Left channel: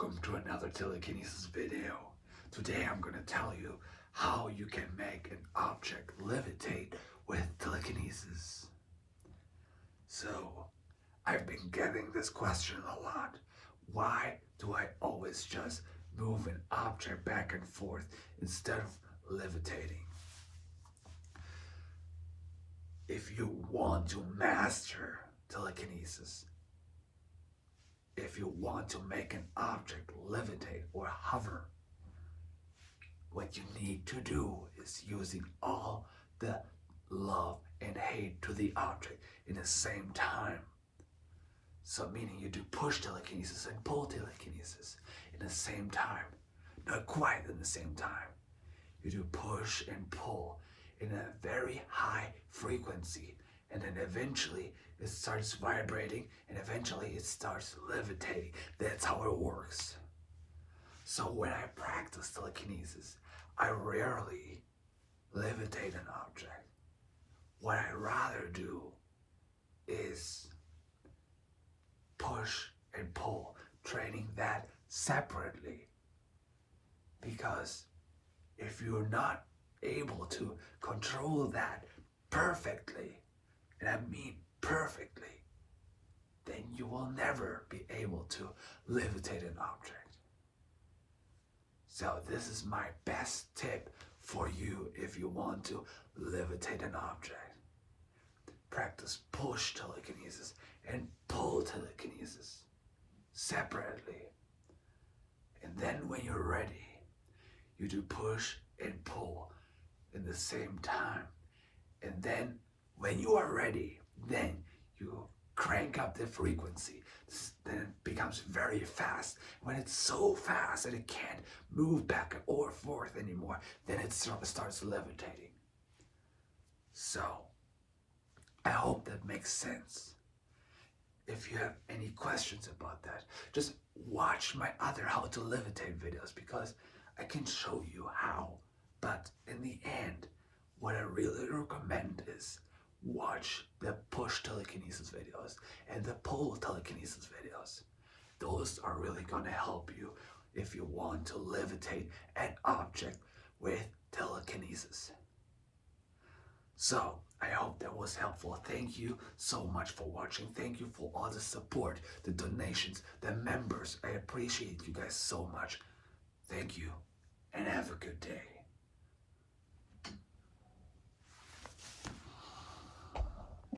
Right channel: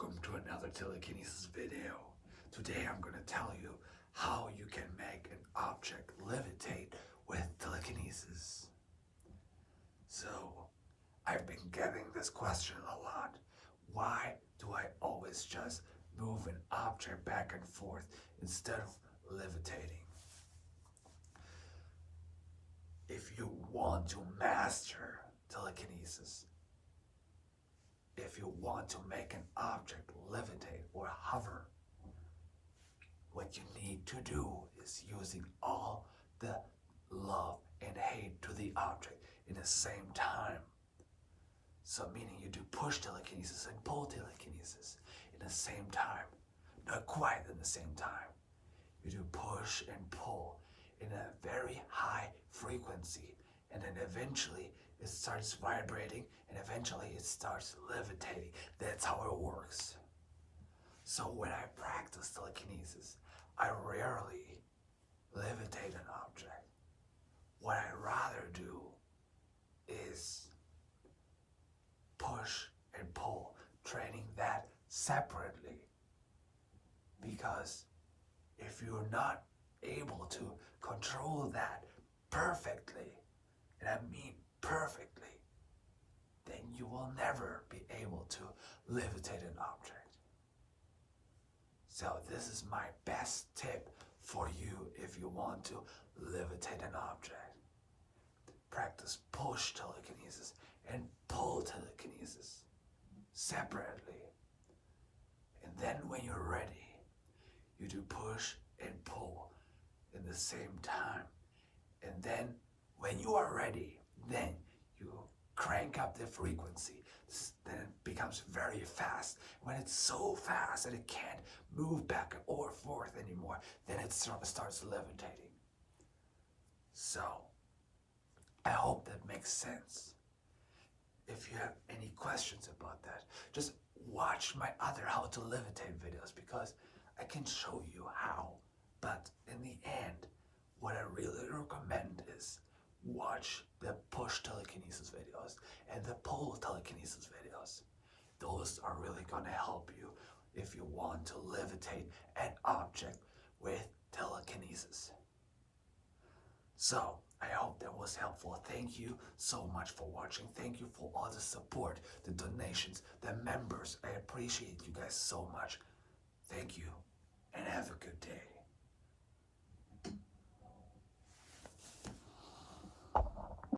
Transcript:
welcome to another Telekinesis video. Today I'm going to tell you how you can make an object levitate with telekinesis. So, I've been getting this question a lot. Why do I always just move an object back and forth instead of levitating? If you want to master telekinesis, if you want to make an object levitate or hover, what you need to do is using all the love and hate to the object in the same time. So meaning you do push telekinesis and pull telekinesis in the same time. Not quite in the same time. You do push and pull in a very high frequency, and then eventually it starts vibrating, and eventually it starts levitating. That's how it works. So when I practice telekinesis, I rarely levitate an object. What I rather do is push and pull, training that separately. Because if you're not able to control that perfectly, and I mean perfectly, then you will never be able to levitate an object. So this is my best tip for you if you want to levitate an object. Practice push telekinesis and pull telekinesis separately. And then when you're ready, you do push and pull in the same time. And then when you are ready, then you crank up the frequency. Then it becomes very fast. When it's so fast that it can't move back or forth anymore, then it starts levitating. So, I hope that makes sense. If you have any questions about that, just watch my other how to levitate videos, because I can show you how. But in the end, what I really recommend is watch the push telekinesis videos and the pull telekinesis videos. Those are really going to help you if you want to levitate an object with telekinesis. So, I hope that was helpful. Thank you so much for watching. Thank you for all the support, the donations, the members. I appreciate you guys so much. Thank you, and have a good day.